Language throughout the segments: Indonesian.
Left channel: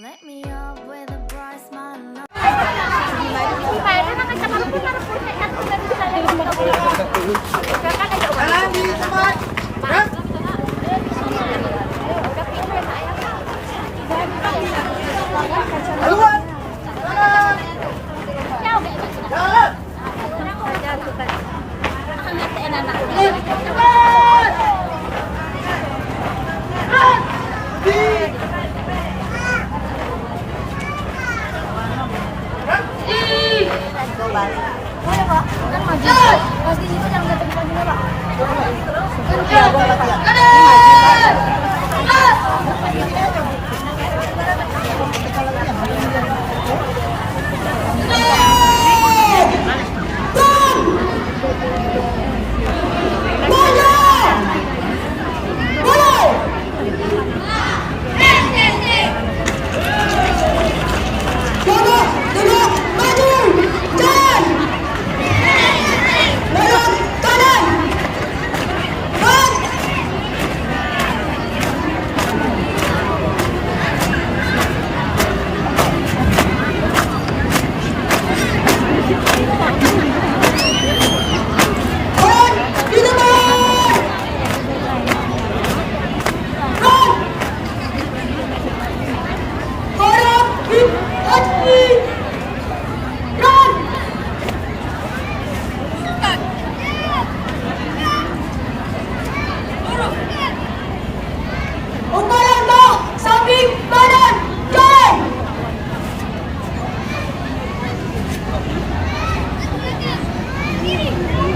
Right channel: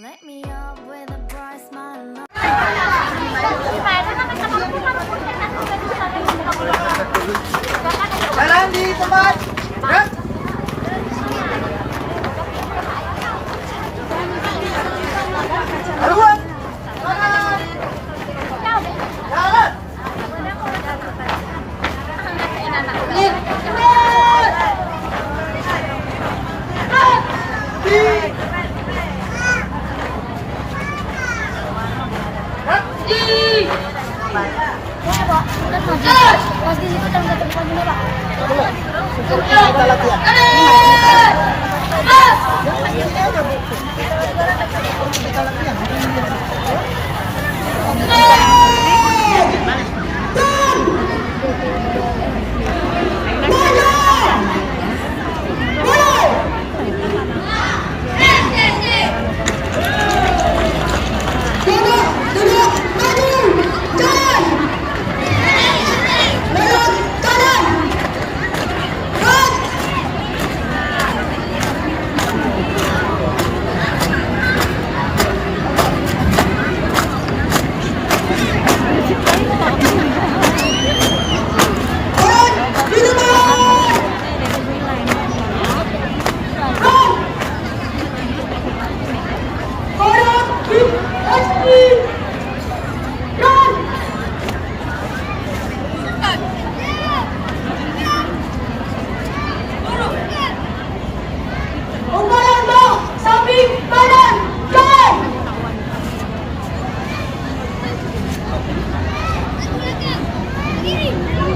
Let me up with a bright smile. Jalan di tempat. Haluan. Jalan. Jalan. Boleh Pak, kan maju. Pas di situ jangan jatuh bukan gini Pak.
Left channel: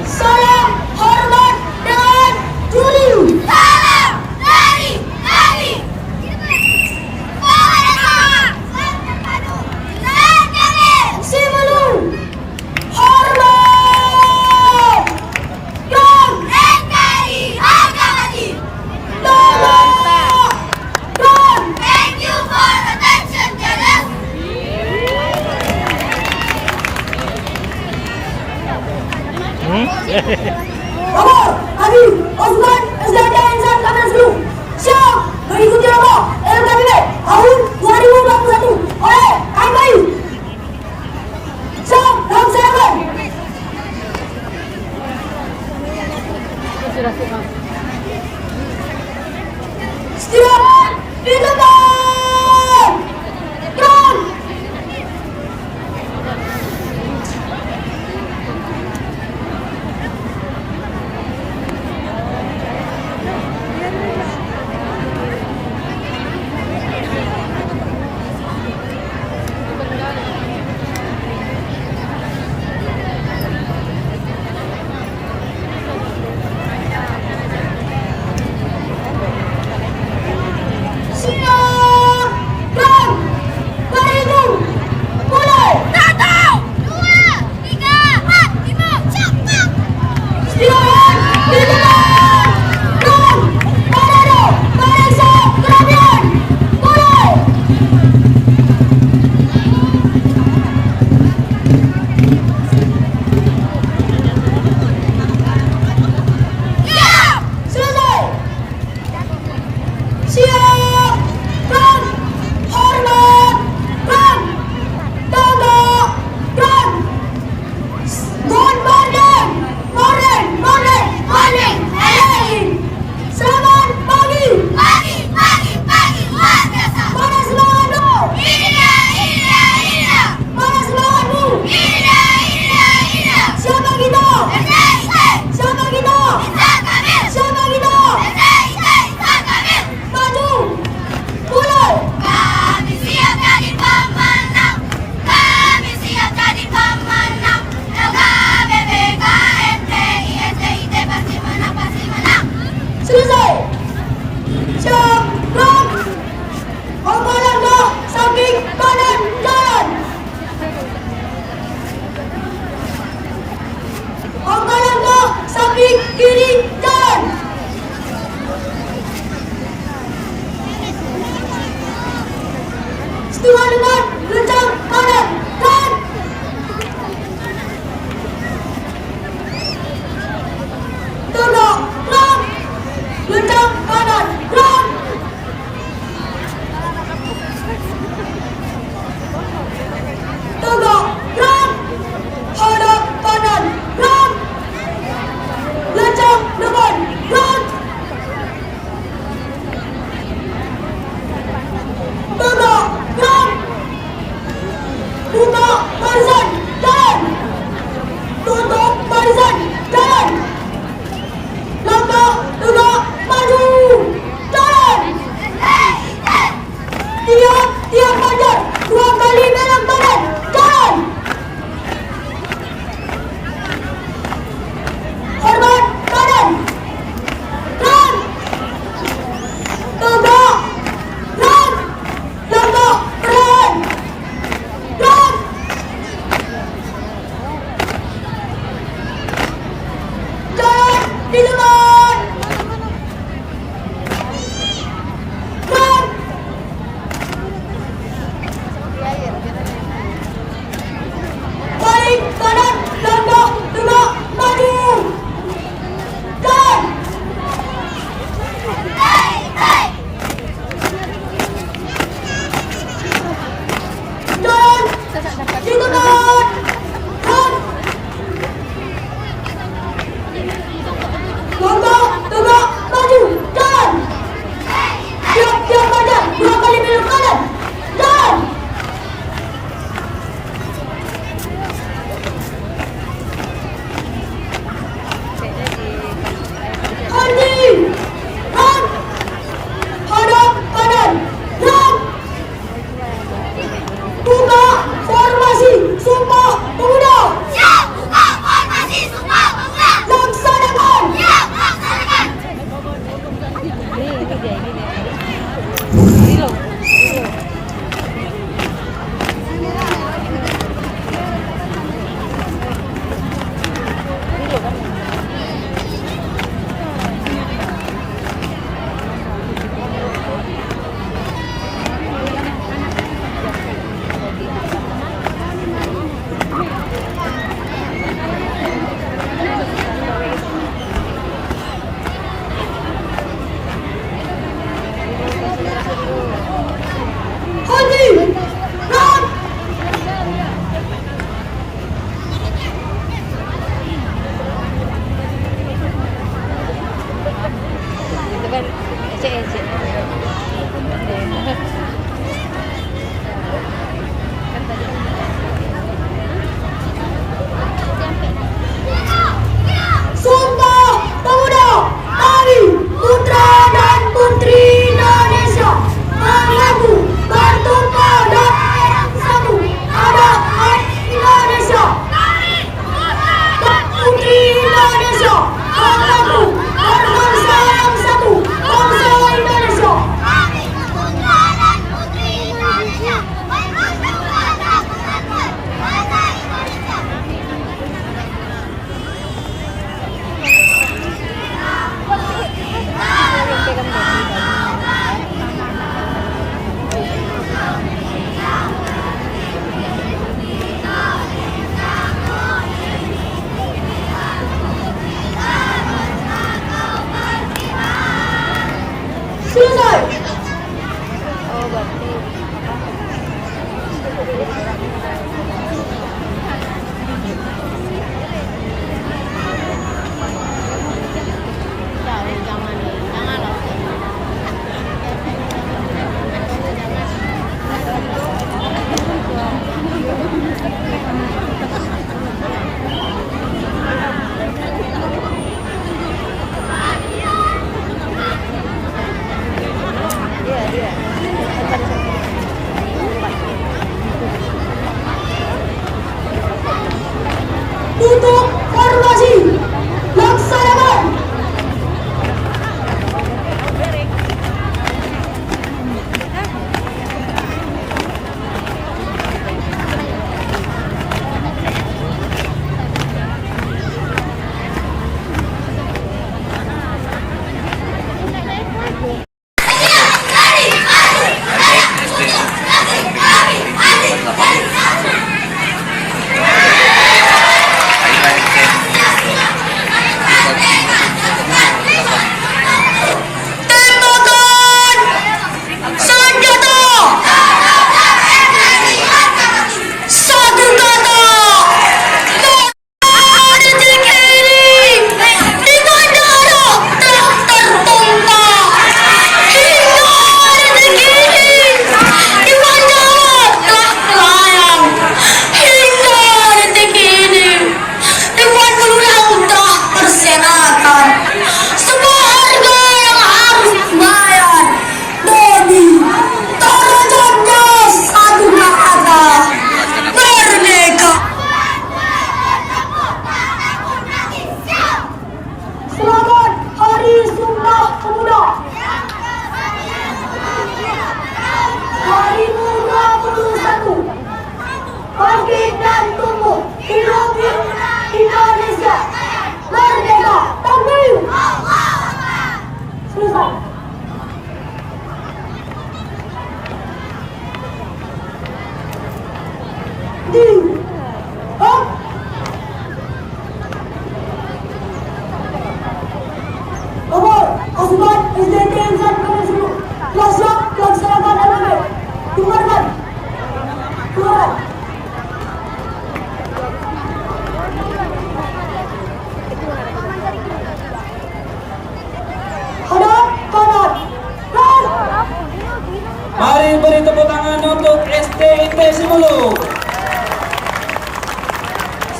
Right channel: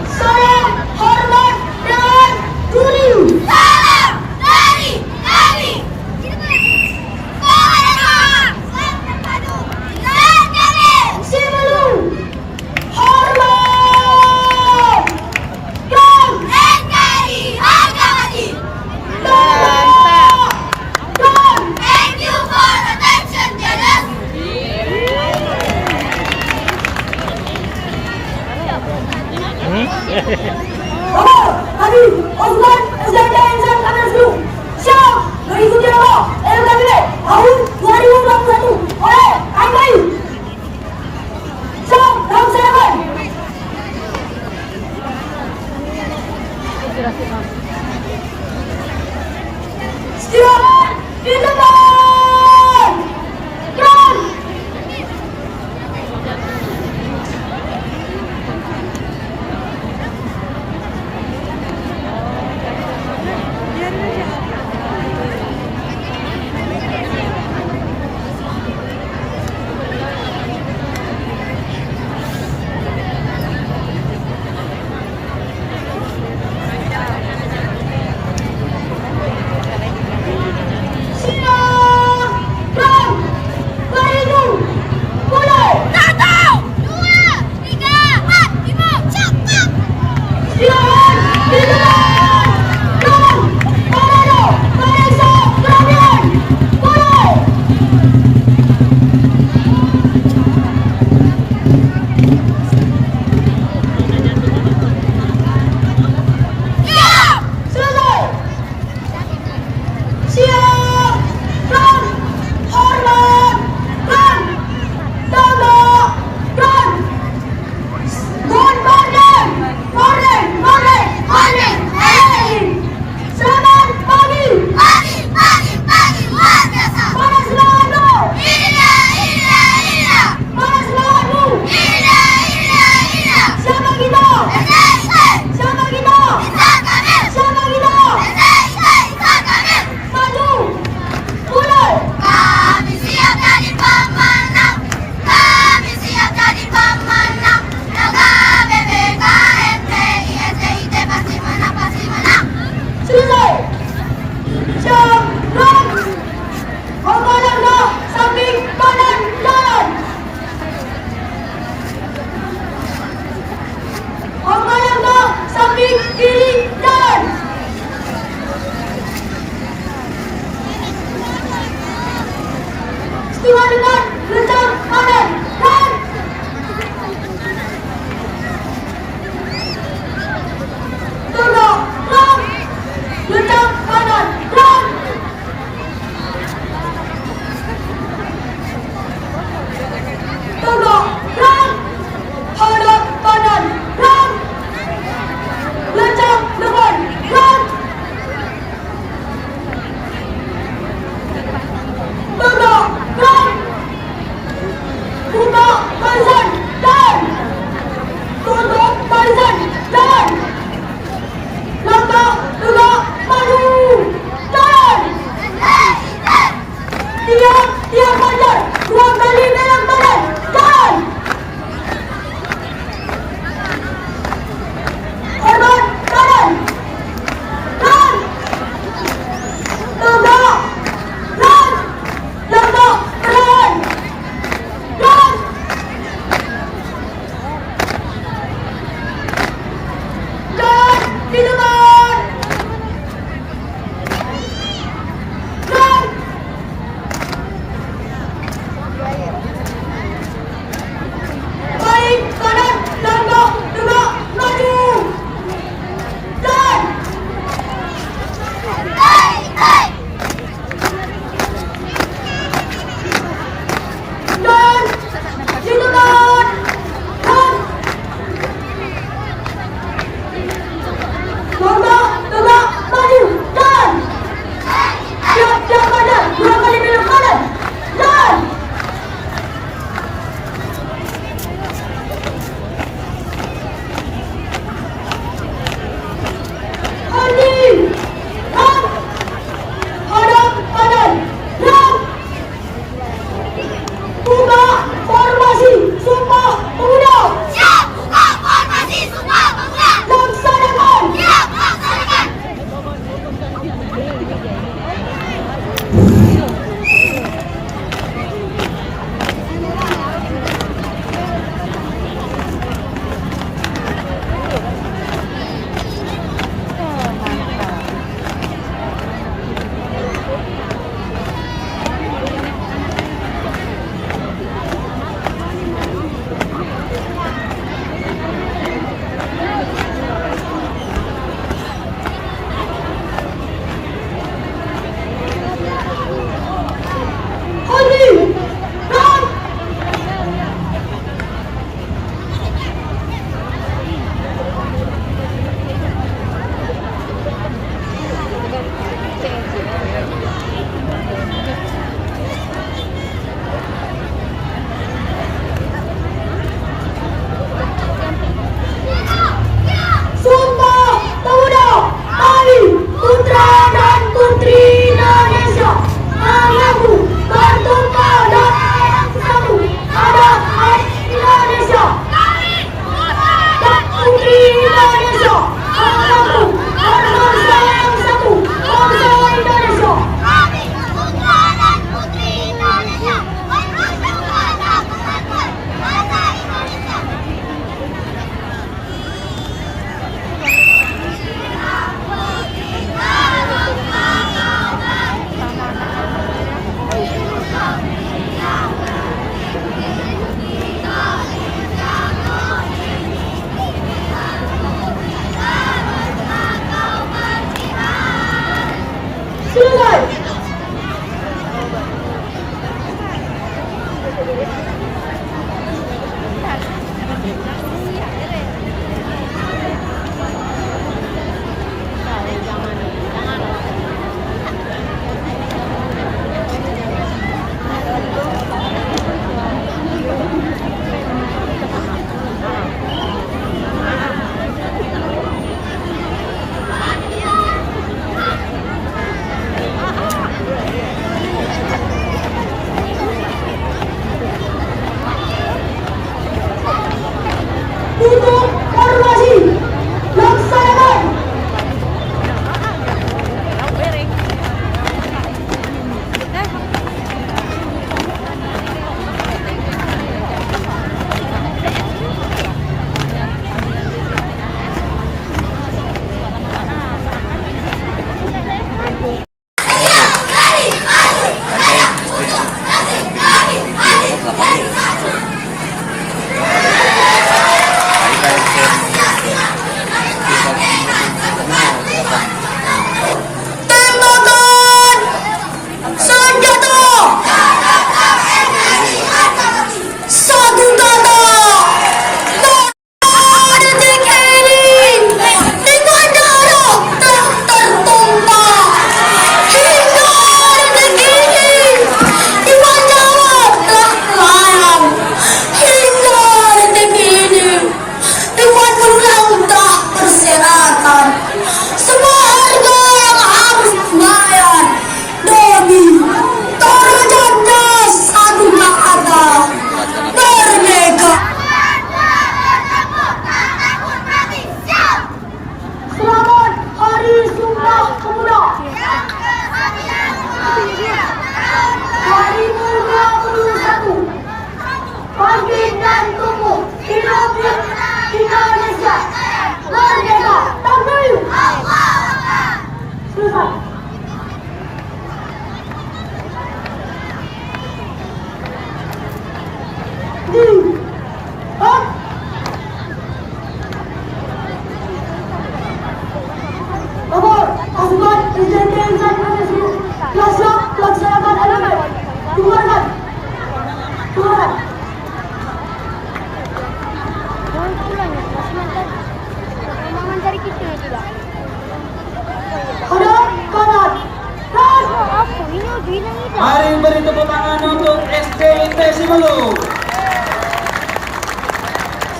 Salam hormat dan juli. Salam dari kami. Sebelum hormat dan NKRI harga mati. Thank you for attention, Janet. Kami Osman Azada Insan Kanan Seru siap mengikuti lomba LKPB tahun 2021 oleh KMI. Siap dalam seragam. Siap di depan. Run. barisan, jalan. Tutup barisan, jalan. Langkah, tegak, maju, jalan. Tiap fajar, 2 kali megang tangan, jalan. Hormat kanan, dan tegak, dan langkah perlahan, dan Sakti. Hah? Nomor pasukan SDNT Insan Provinsi telah siap melaksanakan LPP. Dimarakan. Dimarakan. Hadap kanan. Dan Mari beri tepuk tangan untuk STIT Simelu.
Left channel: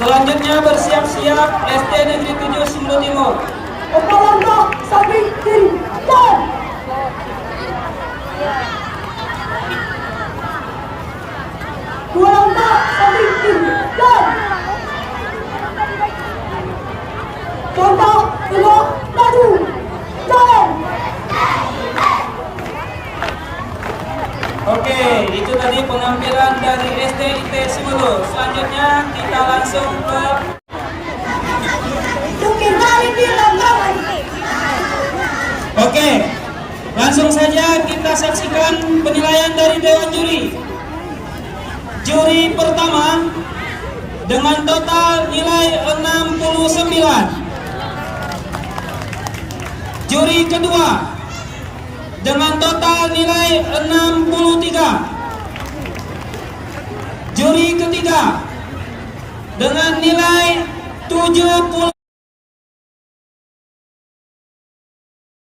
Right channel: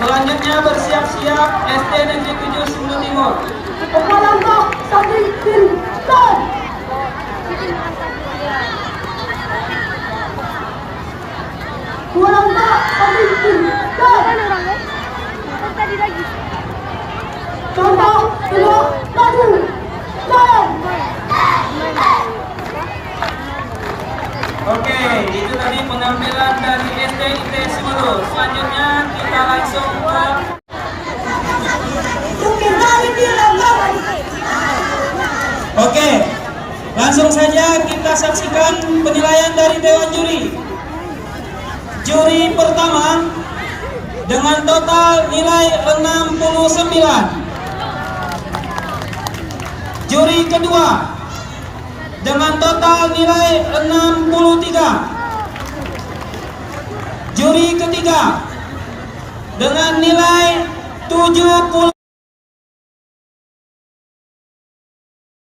Selanjutnya bersiap-siap SD Negeri 7 Simelu Timur. Kepala samping kiri. Dan dua langkah samping kiri. Dan contoh tiga maju. Dan Oke, itu tadi penampilan dari STIT Simelu. Selanjutnya kita langsung ke Jukir dari di lapangan. Oke, langsung saja kita saksikan penilaian dari Dewan Juri. Juri pertama dengan total nilai 69. Juri kedua dengan total nilai 63. Juri ketiga dengan nilai 70.